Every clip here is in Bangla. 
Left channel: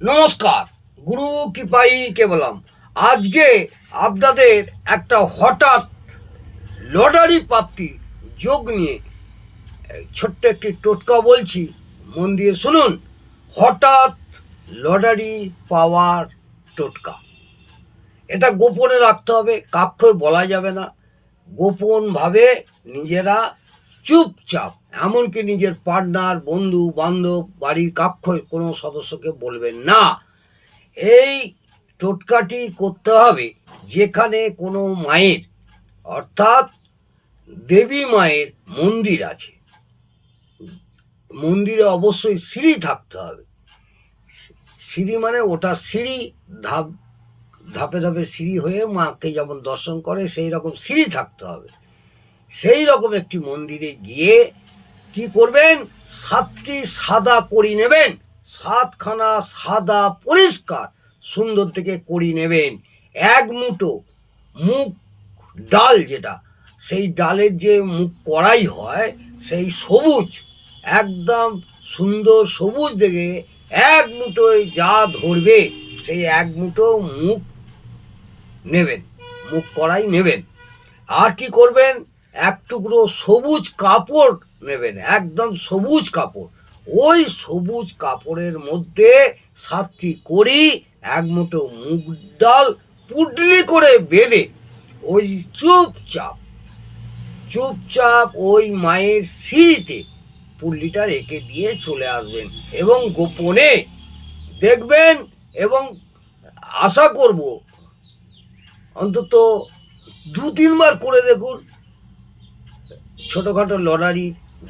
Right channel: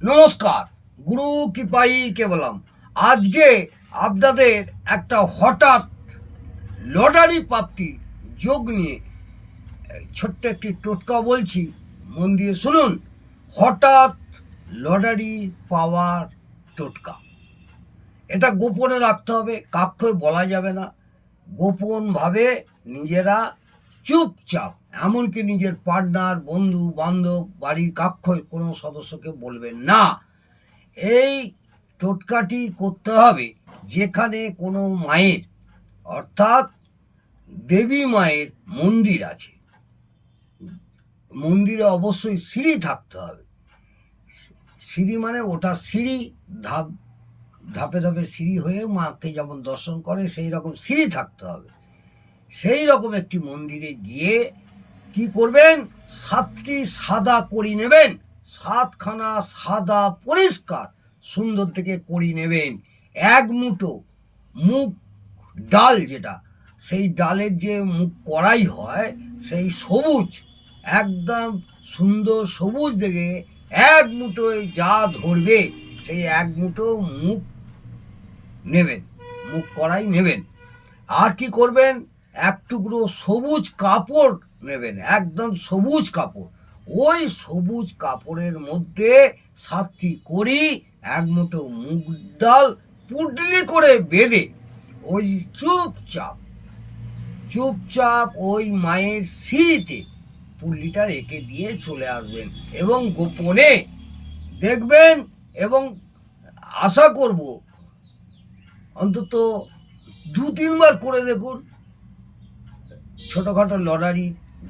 নমস্কার। গুরু কৃপাই কেবলম। আজকে আপনাদের একটা হঠাৎ লটারি প্রাপ্তির যোগ নিয়ে ছোট্ট একটি টোটকা বলছি, মন দিয়ে শুনুন। হঠাৎ লটারি পাওয়ার টোটকা, এটা গোপনে রাখতে হবে, কাউকে বলা যাবে না। গোপনভাবে নিজেরা চুপচাপ, এমনকি নিজের পার্টনার, বন্ধু বান্ধব, বাড়ির কাক্ষয় কোনো সদস্যকে বলবেন না। এই টোটকাটি করতে হবে যেখানে কোনো মায়ের, অর্থাৎ দেবী মায়ের মন্দির আছে। মন্দিরে অবশ্যই সিঁড়ি থাকতে হবে। সিঁড়ি মানে ওটা সিঁড়ি, ধাপে ধাপে সিঁড়ি হয়ে মাকে যেমন দর্শন করে সেই রকম সিঁড়ি থাকতে হবে। সেই রকম একটি মন্দিরে গিয়ে কি করবেন, 7টি সাদা কড়ি নেবেন। 7খানা সাদা পরিষ্কার সুন্দর থেকে কড়ি নেবেন। 1 মুঠো মুগ ডাল, যেটা সেই ডালের যে মুগ কড়াই হয়, সেই সবুজ, একদম সুন্দর সবুজ দেখে 1 মুঠোয় যা ধরবে সেই 1 মুঠো মুগ নেবেন, মুগ কড়াই নেবেন। আর কি করবেন, 1 টুকরো সবুজ কাপড় নেবেন, একদম সবুজ কাপড়। ওই সবুজ কাপড়ের মধ্যে 7টি কড়ি, 1 মুঠো মুগ ডাল পুটলি করে বেঁধে ওই চুপচাপ চুপচাপ ওই মায়ের সিঁড়িতে পুটলিটা রেখে দিয়ে চলে আসবেন এবং গোপনে দেখবেন। এবং আশা করব অন্তত 2-3 বার করে দেখুন, ছোটোখাটো লটারি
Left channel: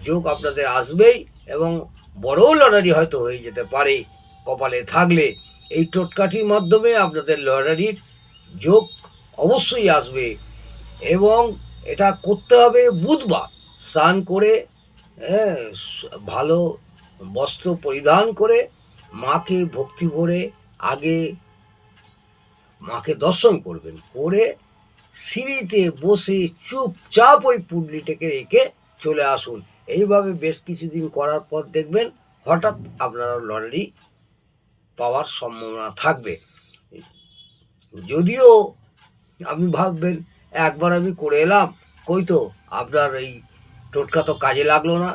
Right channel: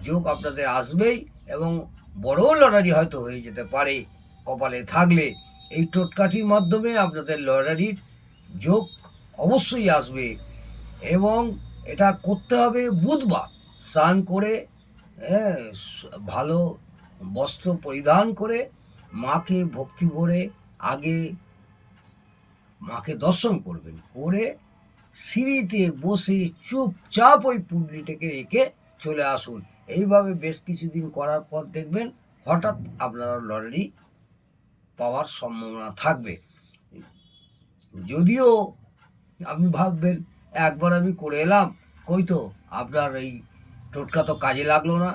যোগ আপনাদের আসবেই এবং বড়ও লটারি হয়তো হয়ে যেতে পারে কপালে থাকলে। এই টোটকাটির মাধ্যমে আপনাদের লটারির যোগ অবশ্যই আসবে। এবং এটা করতে হবে বুধবার, স্নান করে, ভালো বস্ত্র পরিধান করে, মাকে ভক্তি ভরে আগে মাকে দর্শন করবেন, করে সিঁড়িতে বসে চুপচাপ ওই পুটলিটাকে রেখে চলে আসুন। এইভাবে বেশ কিছুদিন করার পর দেখবেন হঠাৎ আপনারা লটারি পাওয়ার সম্ভাবনা থাকবে। যদিও আপনি ভাববেন একবার আমি করে এলাম, কই তো আপনার এই টোটকা তো কাজে লাগলো না।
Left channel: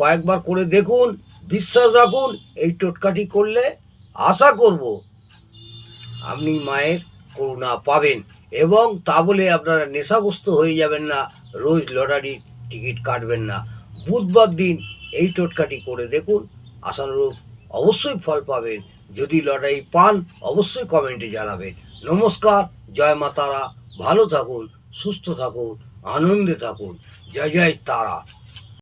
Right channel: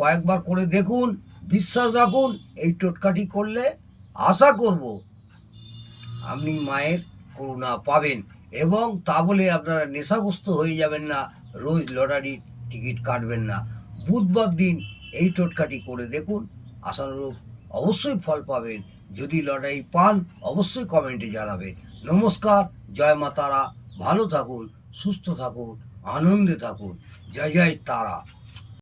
কয়েকবার করে দেখুন, বিশ্বাস রাখুন, এই টোটকাটি করলে আশা করব আপনি মায়ের করুণা পাবেন। এবং তা বলে আপনারা নেশাগ্রস্ত হয়ে যাবেন না, রোজ লটারির টিকিট কাটবেন না। বুধবার দিন এই টোটকাটি করে দেখুন, আশানুরূপ অবশ্যই ফল পাবেন। যদি লটারি পান অবশ্যই কমেন্টে জানাবেন। নমস্কার, জয় মা তারা। ভালো থাকুন, সুস্থ থাকুন, আনন্দে থাকুন। জয় জয় তারা।